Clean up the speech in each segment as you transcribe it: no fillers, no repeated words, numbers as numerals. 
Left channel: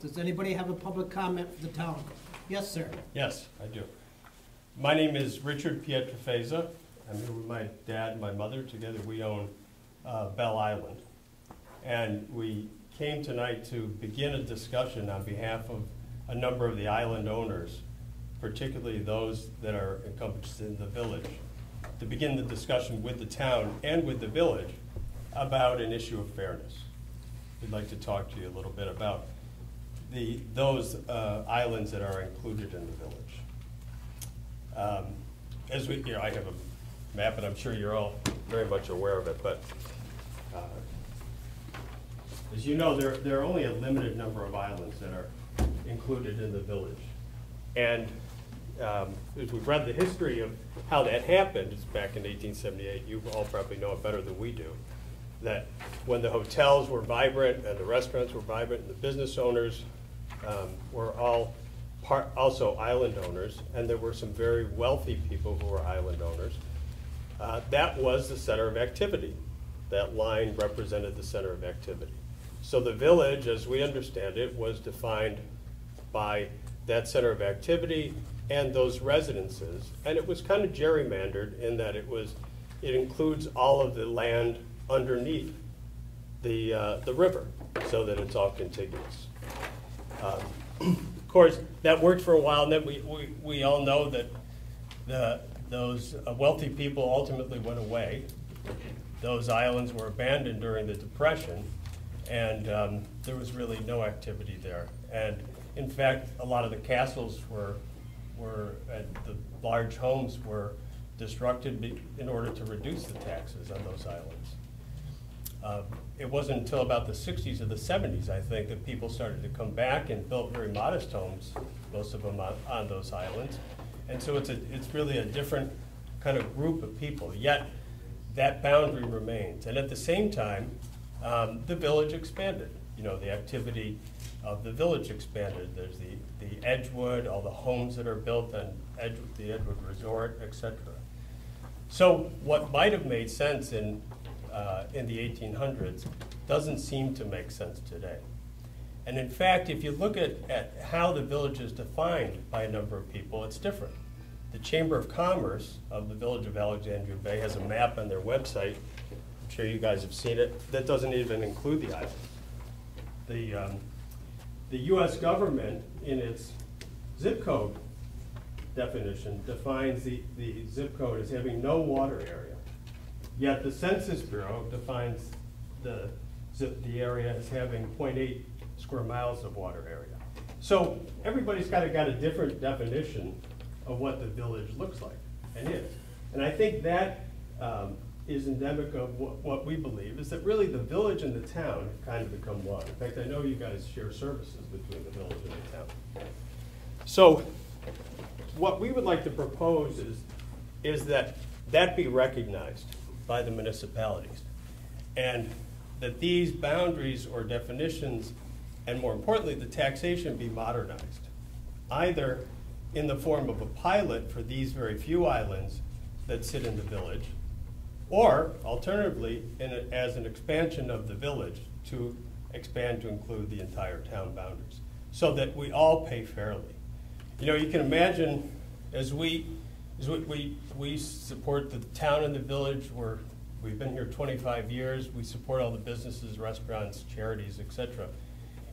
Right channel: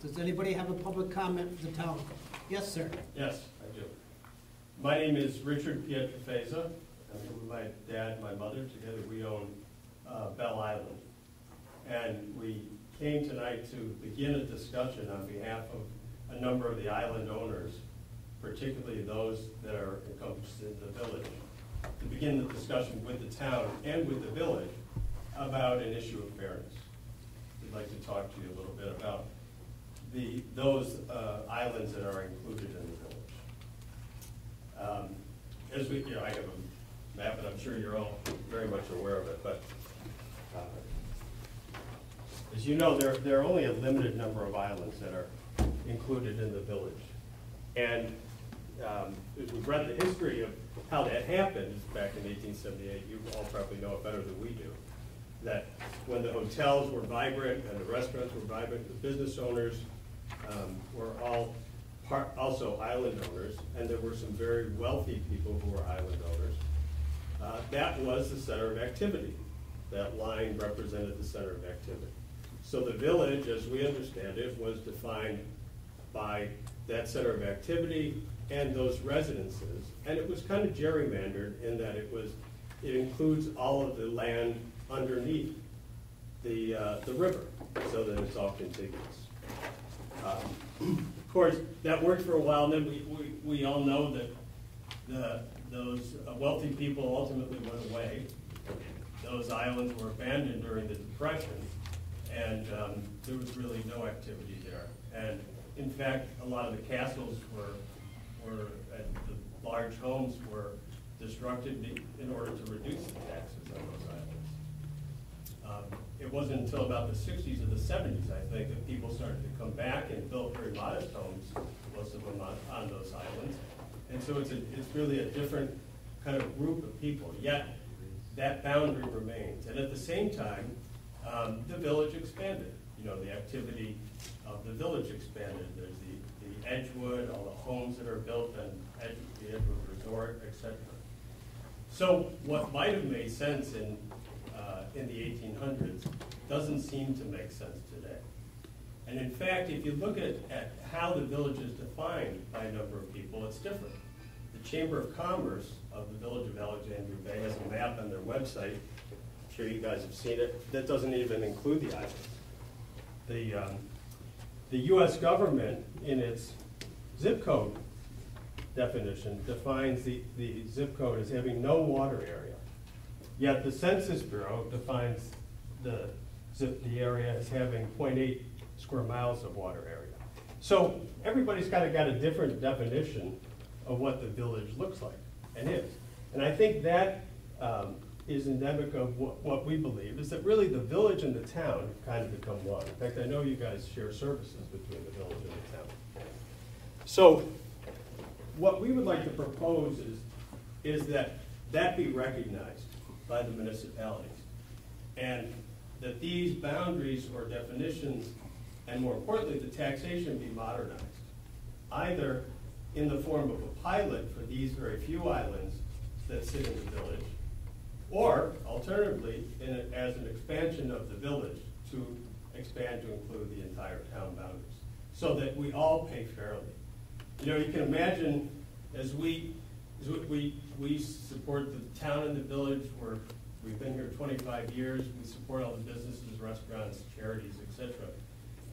Does anybody have a public comment for the town? Yes, sir. Yes, I do. My name is Richard Pietrafesa. I'm here with my dad and my mother. Together we own Belle Island. And we came tonight to begin a discussion on behalf of a number of the island owners, particularly those that are encompassed in the village, to begin the discussion with the town and with the village about an issue of fairness. We'd like to talk to you a little bit about those islands that are included in the village. As we, I have a map, and I'm sure you're all very much aware of it, but as you know, there are only a limited number of islands that are included in the village. And as we've read the history of how that happened, back in 1878, you all probably know it better than we do, that when the hotels were vibrant and the restaurants were vibrant, the business owners were all also island owners, and there were some very wealthy people who were island owners. That was the center of activity. That line represented the center of activity. So the village, as we understand it, was defined by that center of activity and those residences, and it was kind of gerrymandered in that it includes all of the land underneath the river, so that it's all contiguous. Of course, that worked for a while, and then we all know that those wealthy people ultimately went away. Those islands were abandoned during the Depression, and there was really no activity there. And in fact, a lot of the castles the large homes were destructed in order to reduce the taxes on those islands. It wasn't until about the 60s or the 70s, I think, that people started to come back and built very modest homes, most of them on those islands. And so it's really a different kind of group of people, yet that boundary remains. And at the same time, the village expanded. You know, the activity of the village expanded. There's the Edgewood, all the homes that are built on the Edgewood Resort, etc. So what might have made sense in the 1800s doesn't seem to make sense today. And in fact, if you look at how the village is defined by a number of people, it's different. The Chamber of Commerce of the village of Alexandria Bay has a map on their website. I'm sure you guys have seen it. That doesn't even include the islands. The U.S. government, in its zip code definition, defines the zip code as having no water area. Yet the Census Bureau defines the area as having 0.8 square miles of water area. So everybody's kind of got a different definition of what the village looks like and is. And I think that is endemic of what we believe, is that really the village and the town have kind of become one. In fact, I know you guys share services between the village and the town. So what we would like to propose is that be recognized by the municipalities, and that these boundaries or definitions, and more importantly, the taxation, be modernized, either in the form of a pilot for these very few islands that sit in the village, or alternatively, as an expansion of the village to expand to include the entire town boundaries, so that we all pay fairly. You know, you can imagine, as we support the town and the village. We've been here 25 years. We support all the businesses, restaurants, charities, etc.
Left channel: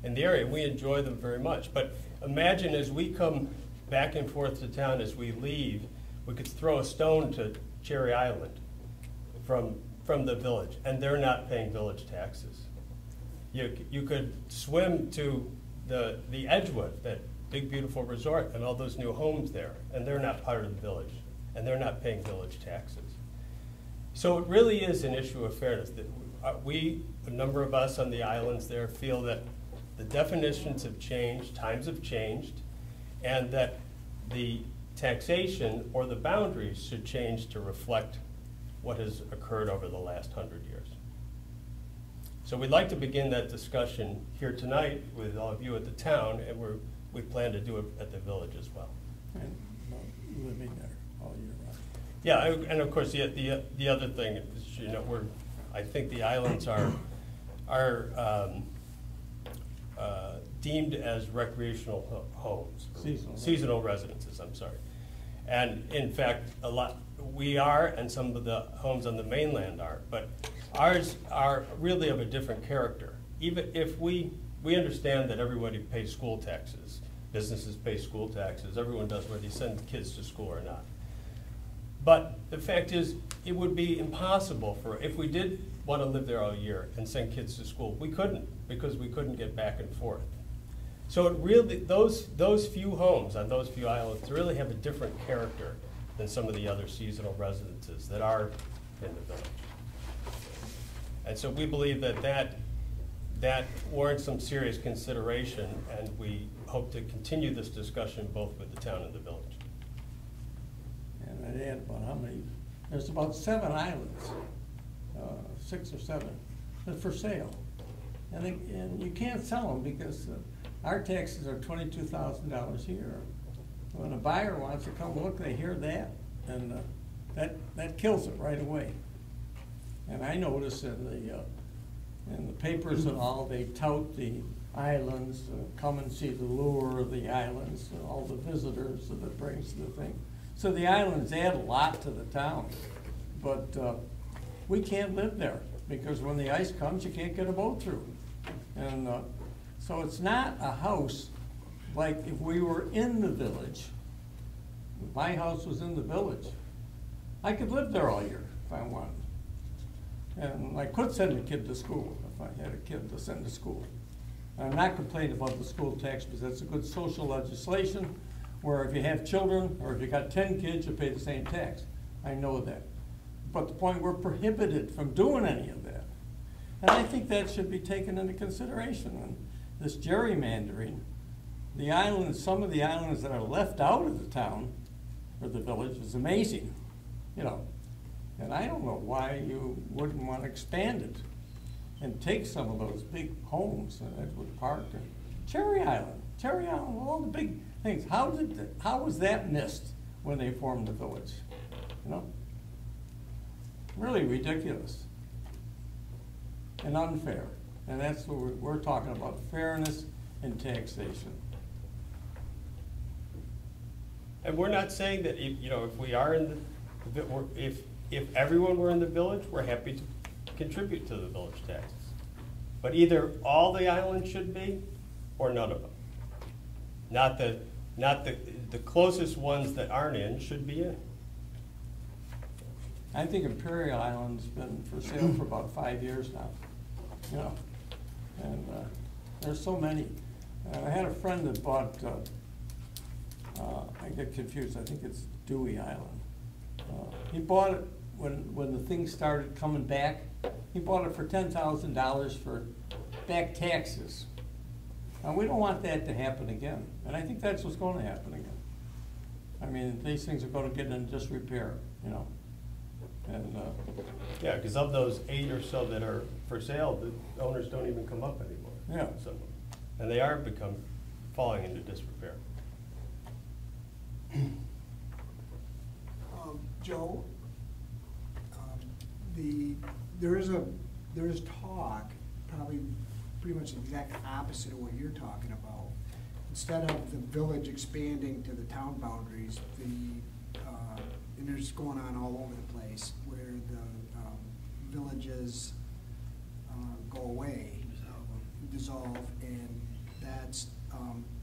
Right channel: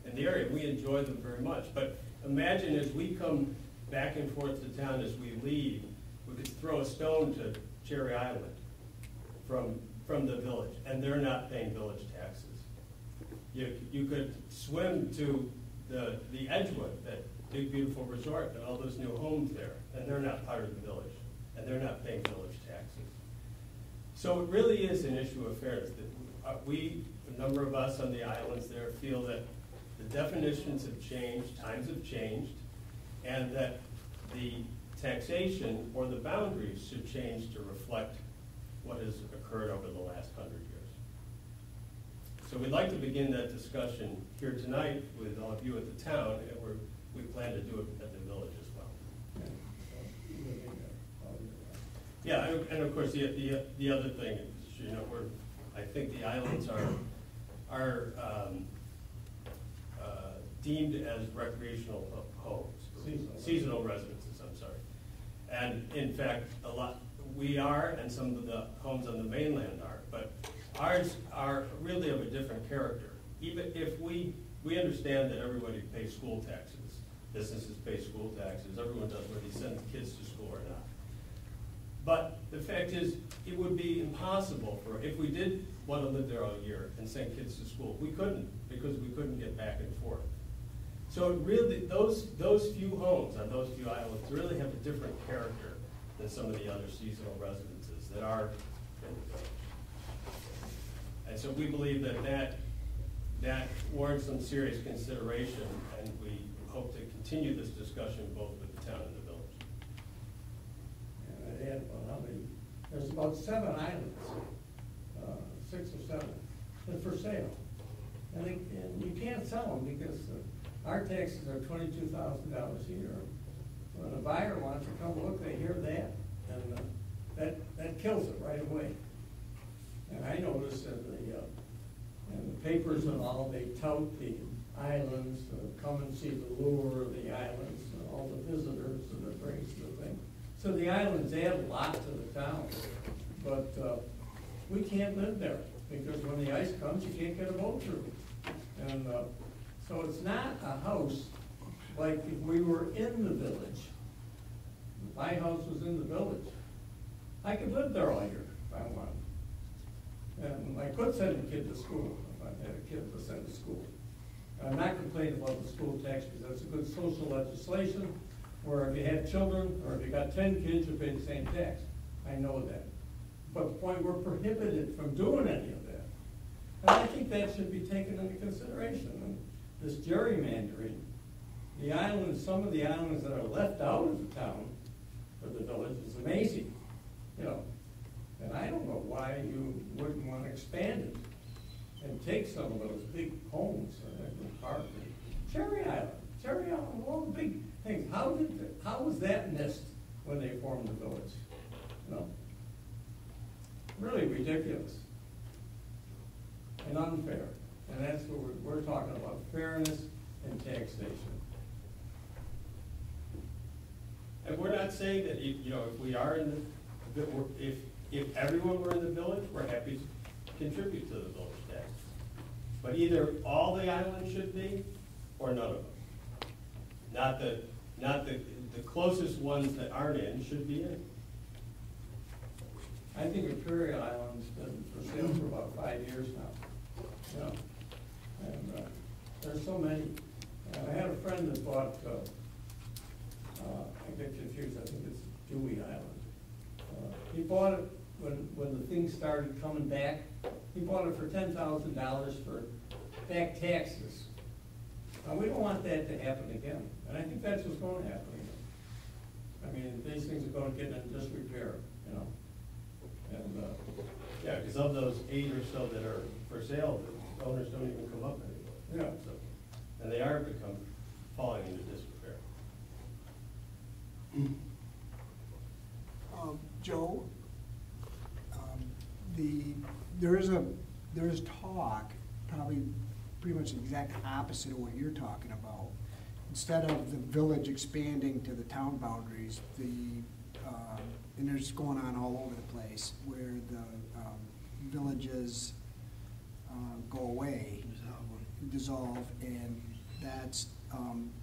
in the area. We enjoy them very much. But imagine as we come back and forth to town, as we leave, we could throw a stone to Cherry Island from the village, and they're not paying village taxes. You could swim to the Edgewood, that big beautiful resort, and all those new homes there, and they're not part of the village, and they're not paying village taxes. So it really is an issue of fairness. That a number of us on the islands there, feel that the definitions have changed, times have changed, and that the taxation or the boundaries should change to reflect what has occurred over the last 100 years. So we'd like to begin that discussion here tonight with all of you at the town, and we plan to do it at the village as well. And living there all year round. Yeah, and of course the other thing is, you know, I think the islands are deemed as recreational homes. Seasonal residences, I'm sorry. And in fact, we are, and some of the homes on the mainland are, but ours are really of a different character. Even if we understand that everybody pays school taxes, businesses pay school taxes, everyone does whether they send kids to school or not. But the fact is, it would be impossible if we did want to live there all year and send kids to school, we couldn't, because we couldn't get back and forth. So it really, those few homes on those few islands really have a different character than some of the other seasonal residences that are in the village. And so we believe that warrants some serious consideration, and we hope to continue this discussion both with the town and the village. And I'd add about how many, there's about 7 islands, 6 or 7, that are for sale. And you can't sell them because our taxes are $22,000 a year. When a buyer wants to come look, they hear that, and that kills it right away. And I notice in the papers and all, they tout the islands, come and see the lure of the islands, and all the visitors that it brings to the thing. So the islands add a lot to the town, but we can't live there because when the ice comes, you can't get a boat through. And so it's not a house like if we were in the village. If my house was in the village, I could live there all year if I wanted. And I could send a kid to school if I had a kid to send to school. And I'm not complaining about the school tax because that's a good social legislation where if you have children or if you got 10 kids, you pay the same tax. I know that. But the point, we're prohibited from doing any of that. And I think that should be taken into consideration. And this gerrymandering, the islands, some of the islands that are left out of the town or the village is amazing, you know. And I don't know why you wouldn't want to expand it and take some of those big homes in Edward Park and Cherry Island, all the big things. How was that missed when they formed the village? You know, really ridiculous and unfair. And that's what we're talking about: fairness and taxation. And we're not saying that if we are in the if everyone were in the village, we're happy to contribute to the village taxes. But either all the islands should be, or none of them. Not the closest ones that aren't in should be in. I think Imperial Island's been for sale for about 5 years now. You know, and there's so many. I had a friend that bought. I get confused. I think it's Dewey Island. He bought it when the thing started coming back. He bought it for $10,000 for back taxes. Now, we don't want that to happen again, and I think that's what's going to happen again. I mean, these things are going to get in disrepair, you know. And yeah, because of those 8 or so that are for sale, the owners don't even come up anymore. yeah. So, and they are falling into disrepair. Joe, there is talk, probably pretty much the exact opposite of what you're talking about. Instead of the village expanding to the town boundaries, and there's going on all over the place where the villages go away, dissolve, and that's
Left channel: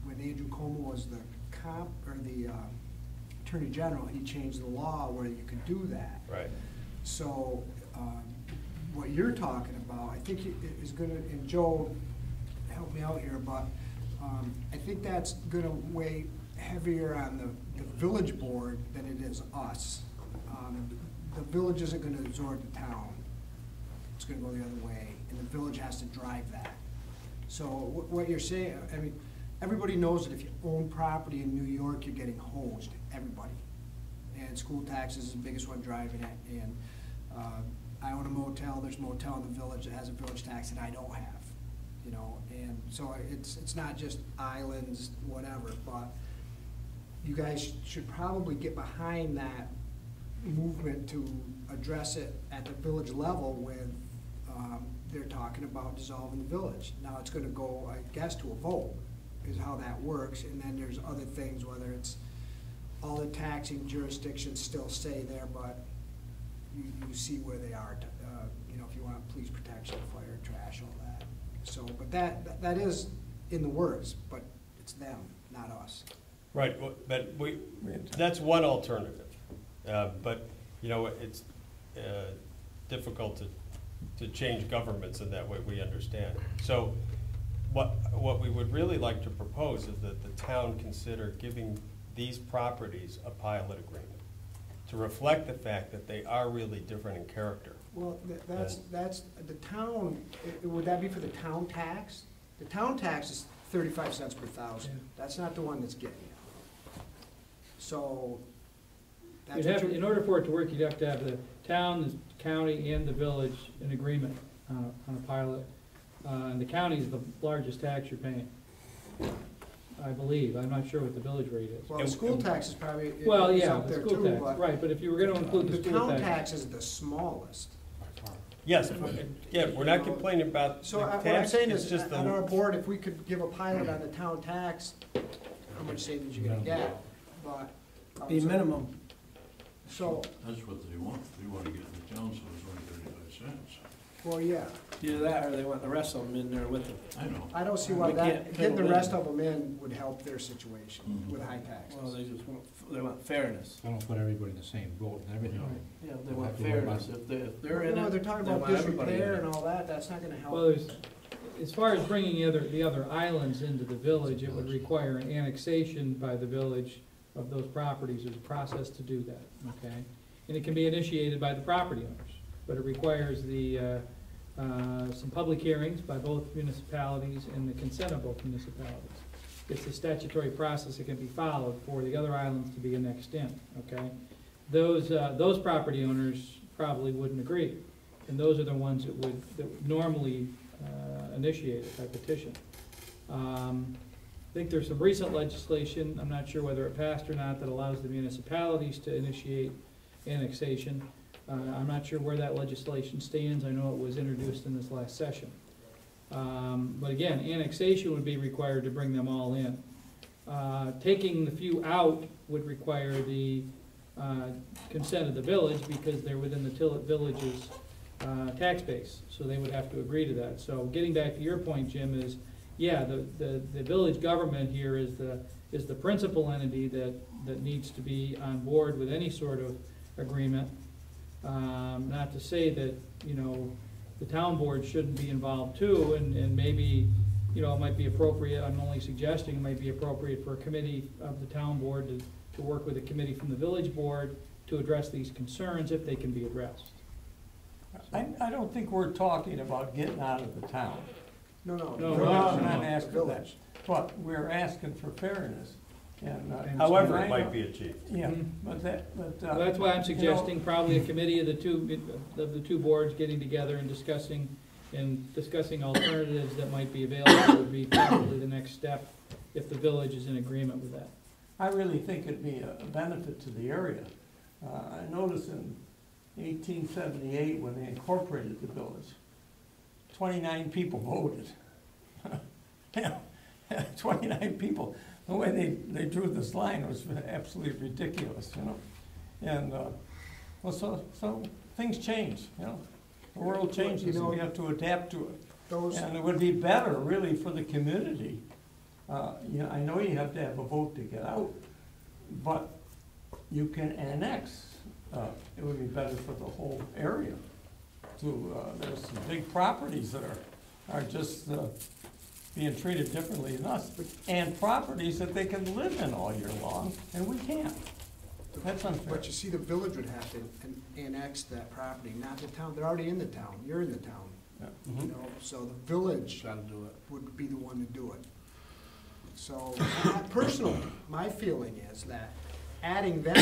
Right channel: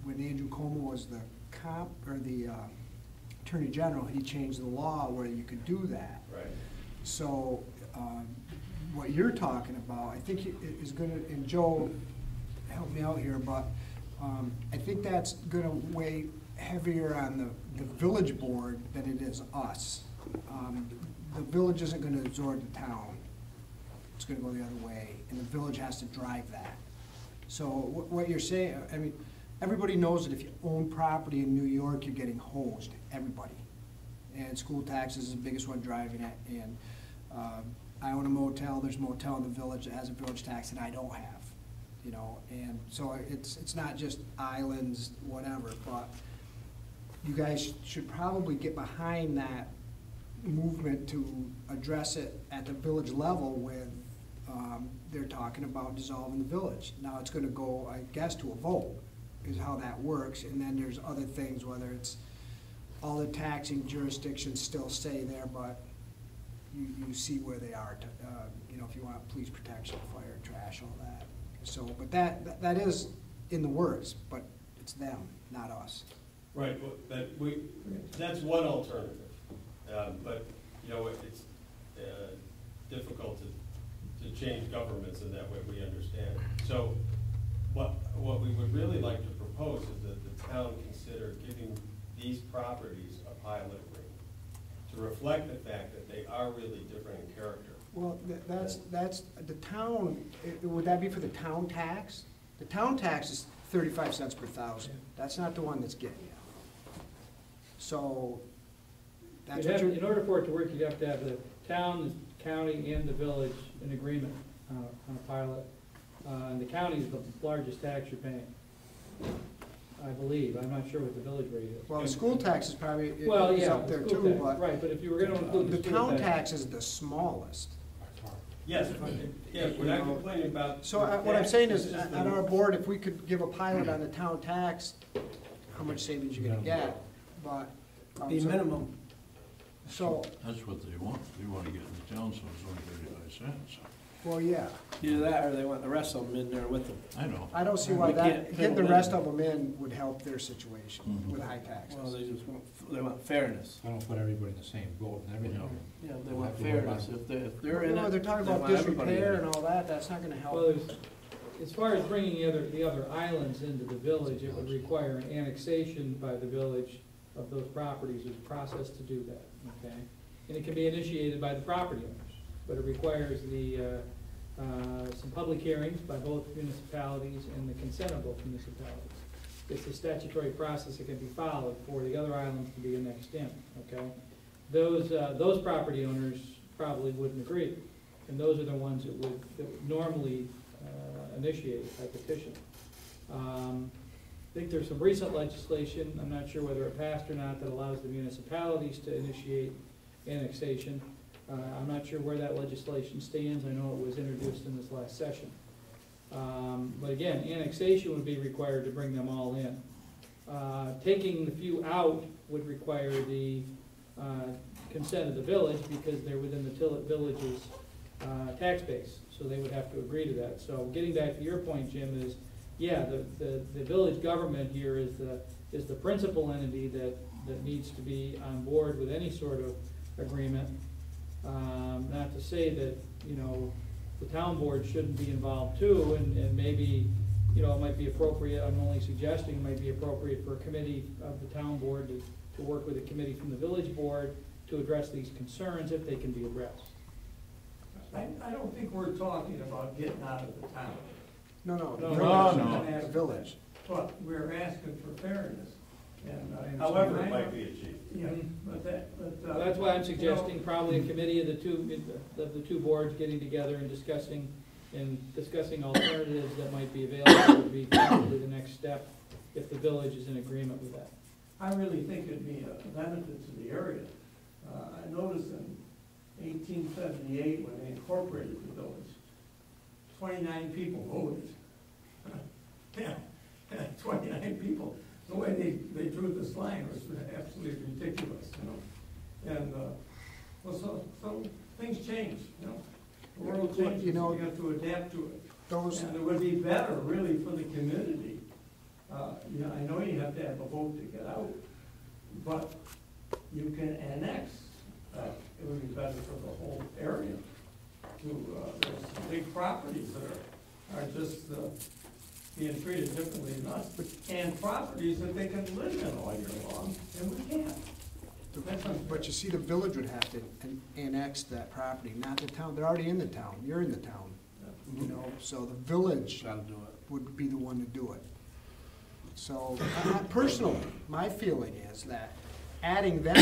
when Andrew Como was the Attorney General, he changed the law where you could do that. Right. So what you're talking about, I think is going to, and Joe, help me out here, but I think that's going to weigh heavier on the village board than it is us. The village isn't going to absorb the town. It's going to go the other way, and the village has to drive that. So what you're saying, I mean, everybody knows that if you own property in New York, you're getting hosed, everybody. And school taxes is the biggest one driving it. And I own a motel, there's a motel in the village that has a village tax that I don't have, you know. And so it's not just islands, whatever, but you guys should probably get behind that movement to address it at the village level with, they're talking about dissolving the village. Now it's gonna go, I guess, to a vote. is how that works, and then there's other things, whether it's all the taxing jurisdictions still stay there, but you see where they are, you know, if you want police protection, fire, trash, all that. So, but that is in the works, but it's them, not us. Right, but that's one alternative. But, you know, it's difficult to change governments in that way, we understand. So what we would really like to propose is that the town consider giving these properties a pilot agreement to reflect the fact that they are really different in character. Well, that's the town, would that be for the town tax? The town tax is 35 cents per thousand. Yeah. That's not the one that's getting you. So, that's You'd what have, you're. in order for it to work, you'd have to have the town, the county, and the village in agreement on a pilot. And the county is the largest tax you're paying, I believe. I'm not sure what the village rate is. Well, the school tax is probably, Well, is yeah, up the there school too, tax, but. right, but if you were gonna include The the school town tax. tax is the smallest. Yes, yeah, we're not complaining about. So the what I'm tax, saying it's is, just on our board, if we could give a pilot on the town tax, how much savings you're gonna get, but. Be minimum. So, That's what they want. They want to get in the town, so it's only 35 cents. well, yeah, Either that, or they want the rest of them in there with them. I know. I don't see why We can't that, getting the fill rest in. of them in would help their situation Mhm. with high taxes. Well, they just want, they want fairness. I don't put everybody in the same boat and everything. Yeah, they We'll want have to worry about fairness. If they're in You know, it, they're talking they about want everybody in disrepair it. and all that, that's not gonna help. Well, as far as bringing the other islands into the village, it would require an annexation by the village of those properties. There's a process to do that, okay? And it can be initiated by the property owners, but it requires some public hearings by both municipalities and the consent of both municipalities. It's a statutory process that can be followed for the other islands to be annexed in, okay? Those property owners probably wouldn't agree, and those are the ones that would normally initiate it by petition. I think there's some recent legislation, I'm not sure whether it passed or not, that allows the municipalities to initiate annexation. I'm not sure where that legislation stands. I know it was introduced in this last session. But again, annexation would be required to bring them all in. Taking the few out would require the consent of the village because they're within the village's tax base, so they would have to agree to that. So getting back to your point, Jim, is yeah, the village government here is the principal entity that needs to be on board with any sort of agreement. Not to say that, you know, the town board shouldn't be involved too, and maybe, you know, it might be appropriate, I'm only suggesting it might be appropriate for a committee of the town board to work with a committee from the village board to address these concerns if they can be addressed. I don't think we're talking about getting out of the town. No, No, the no, village, I'm the asking village. But we're asking for fairness. And, However, it might be achieved. Yeah, Mhm. but Well, that's why I'm you know, suggesting probably a committee of the two boards getting together and discussing alternatives that might be available would be probably the next step if the village is in agreement with that. I really think it'd be a benefit to the area. I noticed in 1878, when they incorporated the village, 29 people voted. Yeah, 29 people. The way they drew this line was absolutely ridiculous, you know? And, well, so things change, you know? The world changes, You know, and we have to adapt to it. Those, And it would be better, really, for the community. You know, I know you have to have a vote to get out, but you can annex. It would be better for the whole area. There's some big properties that are just being treated differently than us, and properties that they can live in all year long, and we can't. That's unfair. but you see, the village would have to annex that property, not the town. They're already in the town. You're in the town, you know, so the village Gotta do it. would be the one to do it. So, personally, my feeling is that adding them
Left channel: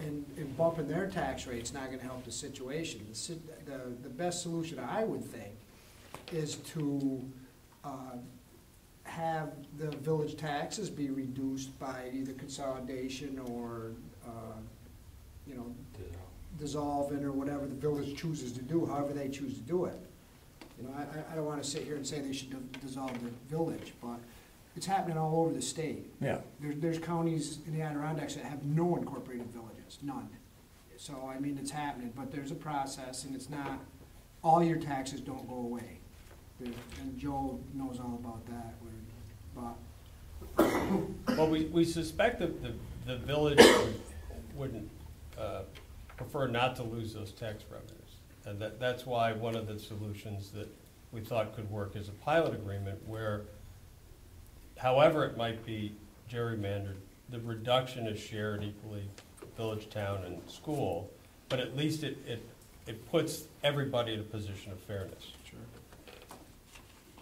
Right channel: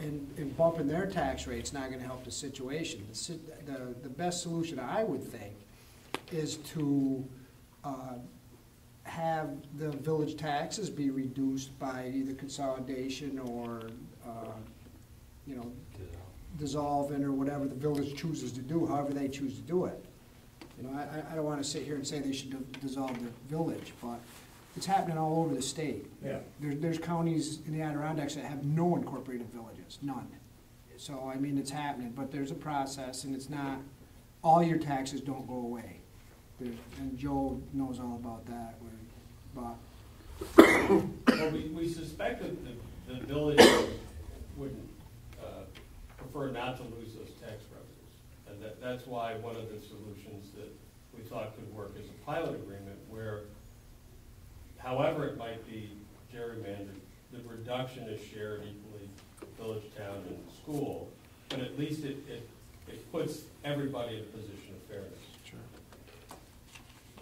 in and bumping their tax rate's not gonna help the situation. The best solution, I would think, is to have the village taxes be reduced by either consolidation or, you know, dissolving or whatever the village chooses to do, however they choose to do it. You know, I don't wanna sit here and say they should dissolve the village, but It's happening all over the state. Yeah. There's counties in the Adirondacks that have no incorporated villages, none. So, I mean, it's happening, but there's a process, and it's not, all your taxes don't go away. And Joe knows all about that, but Well, we suspect that the village would prefer not to lose those tax revenues. And that's why one of the solutions that we thought could work is a pilot agreement where, however it might be gerrymandered, the reduction is shared equally, village, town, and school, but at least it puts everybody in a position of fairness. Sure.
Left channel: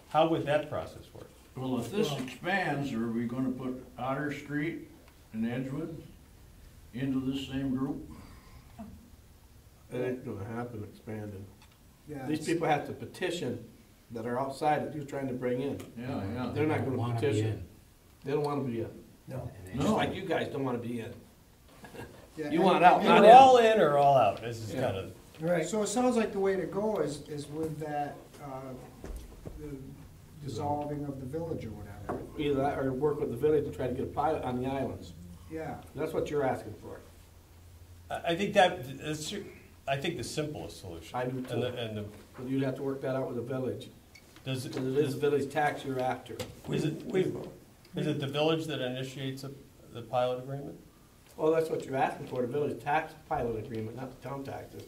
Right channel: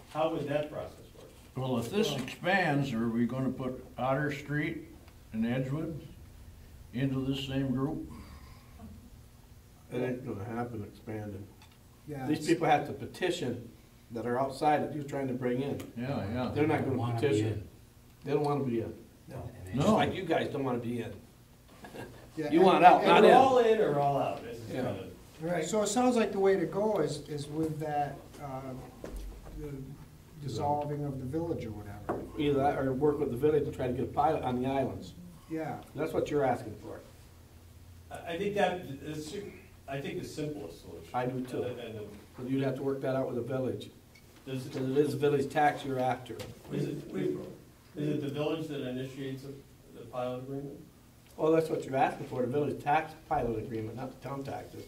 How would that process work? Well, if this expands, are we gonna put Otter Street and Edgewood into this same group? It ain't gonna happen expanding. yeah. These people have to petition that are outside that you're trying to bring in. Yeah, yeah. They're not gonna Wanna be petition. in. They don't wanna be in. No. And Just No. like you guys don't wanna be in. Yeah, You and- want out, and- not Either in. all in or all out, this is Yeah. kind of. Right. So it sounds like the way to go is with that, the dissolving of the village or whatever. Either that or work with the village to try to get a pilot on the islands. Yeah, That's what you're asking for. I think I think the simplest solution. I do too. And But you'd have to work that out with the village. does, Because it is village tax you're after. is it the village that initiates the pilot agreement? Well, that's what you're asking for, the village tax pilot agreement, not the town taxes. It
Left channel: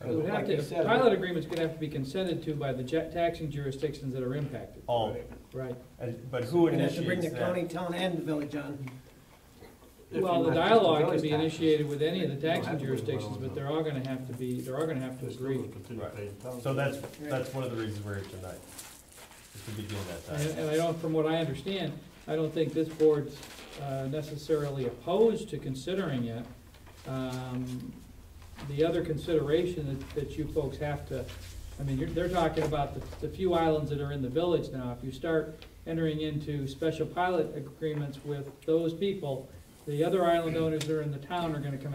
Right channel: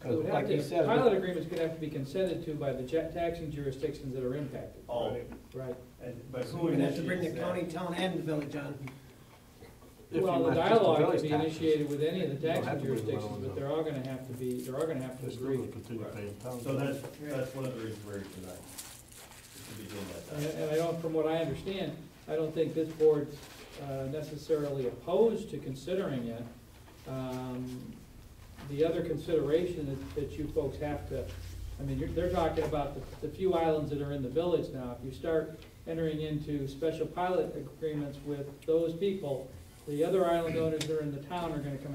Because would have like to- you said. Pilot agreement's gonna have to be consented to by the taxing jurisdictions that are impacted. All, Right. but who We're gonna have to bring the initiates county, that? town, and the village on. if you Well, the want just dialogue village could be taxes. initiated with any of the You don't taxing have to bring them jurisdictions, all but in. they're all gonna have to They're still agree. gonna continue paying town So taxes. that's one of the reasons we're here tonight, is to be doing that. And I don't, from what I understand, I don't think this board's necessarily opposed to considering it. The other consideration that you folks have to, I mean, they're talking about the few islands that are in the village now. If you start entering into special pilot agreements with those people, the other island owners that are in the town are gonna come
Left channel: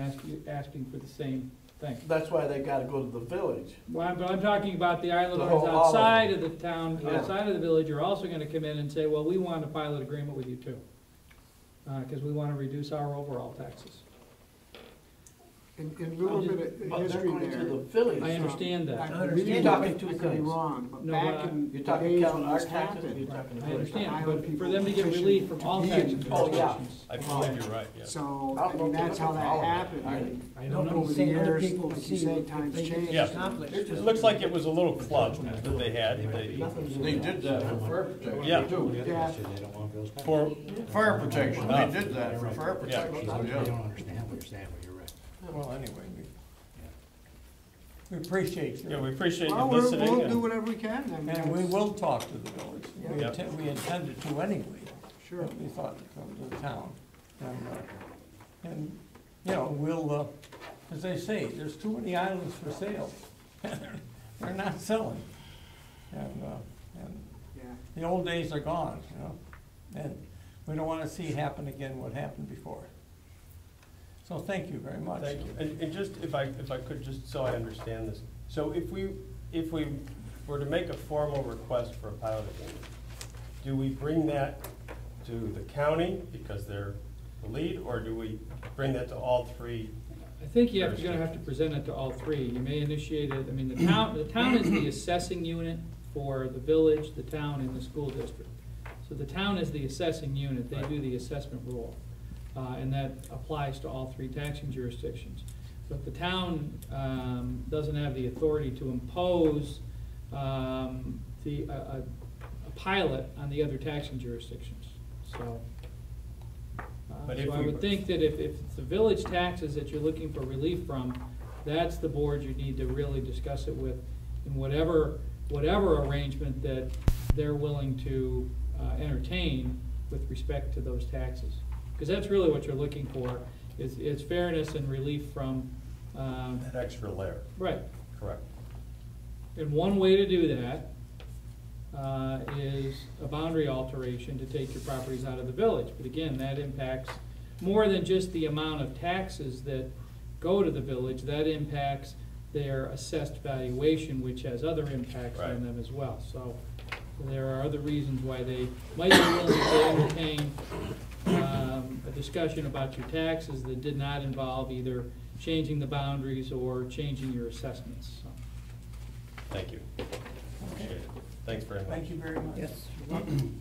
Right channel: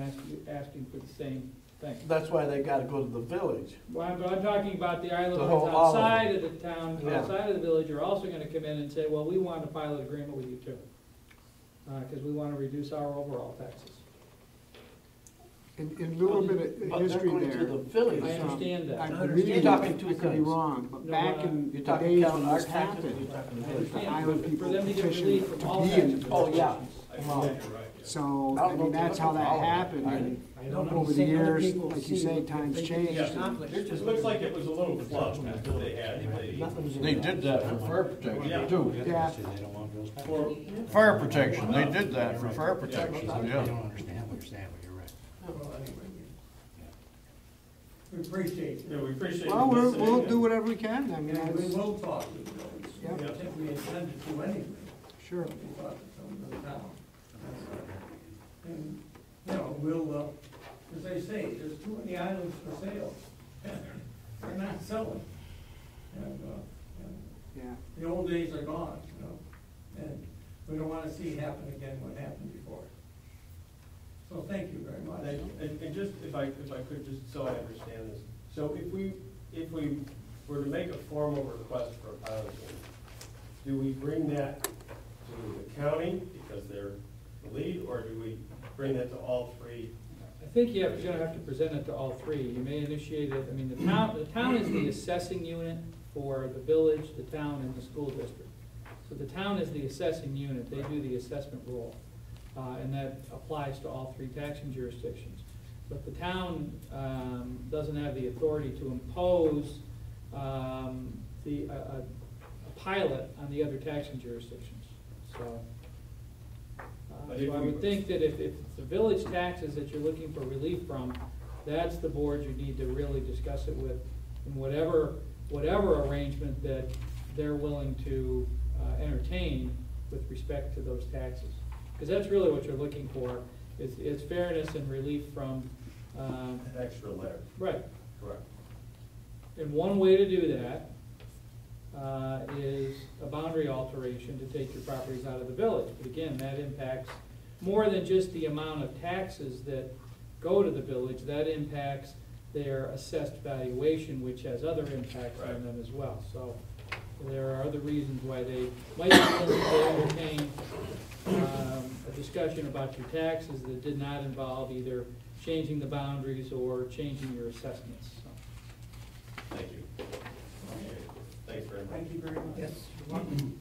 asking for the same thing. That's why they gotta go to the village. Well, I'm talking about the island The owners whole- all of them. outside of the town, Yeah. outside of the village, are also gonna come in and say, well, we want a pilot agreement with you too. Cause we wanna reduce our overall taxes. and a little bit of But they're history going to there. the village. I understand that. I understand. believe You're talking two I could be things. wrong, but No, back but in You're the talking days county when our this taxes, you're happened, talking the I village. understand, island but people for them to get petitioned relief from to all be taxing in the Oh, yeah. jurisdictions. I believe you're right, yeah. So, I I don't know mean, if that's they're how that looking for all of it. happened, I- and I don't know, over the saying other years, people like you see say, what times they can change. Yeah. accomplish. It looks like it was a little club that they had. They did that for fire protection Yeah. too. Yeah. They don't want bills paid. For, Fire protection, they did that for fire protection, They yeah. don't understand what you're saying, but you're right. Well, anyway, we appreciate yeah, you. we appreciate Well, you listening. we'll and- do whatever we can, I mean, And we it's- will talk to the village. Yeah. We intended to anyway. sure. We thought of the town. And, you know, we'll, as they say, there's too many islands for sale. They're not selling. And Yeah, the old days are gone, you know? And we don't wanna see happen again what happened before. So thank you very much. Thank you. And just, if I could, just so I understand this, so if we were to make a formal request for a pilot agreement, do we bring that to the county because they're the lead, or do we bring that to all three? I think you're gonna have to present it to all three. You may initiate it, I mean, the town is the assessing unit for the village, the town, and the school district. So the town is the assessing unit, they do the assessment role, and that applies to all three taxing jurisdictions. But the town doesn't have the authority to impose a pilot on the other taxing jurisdictions, so. But if So I we- would think that if it's the village taxes that you're looking for relief from, that's the board you need to really discuss it with, in whatever arrangement that they're willing to entertain with respect to those taxes. Because that's really what you're looking for, is fairness and relief from, An extra layer, right. correct? And one way to do that is a boundary alteration to take your properties out of the village. But again, that impacts more than just the amount of taxes that go to the village. That impacts their assessed valuation, which has other impacts Right. on them as well. So There are other reasons why they might be willing to entertain a discussion about your taxes that did not involve either changing the boundaries or changing your assessments. So, Thank you. Thanks very much. Thank you very much. Yes, you're welcome.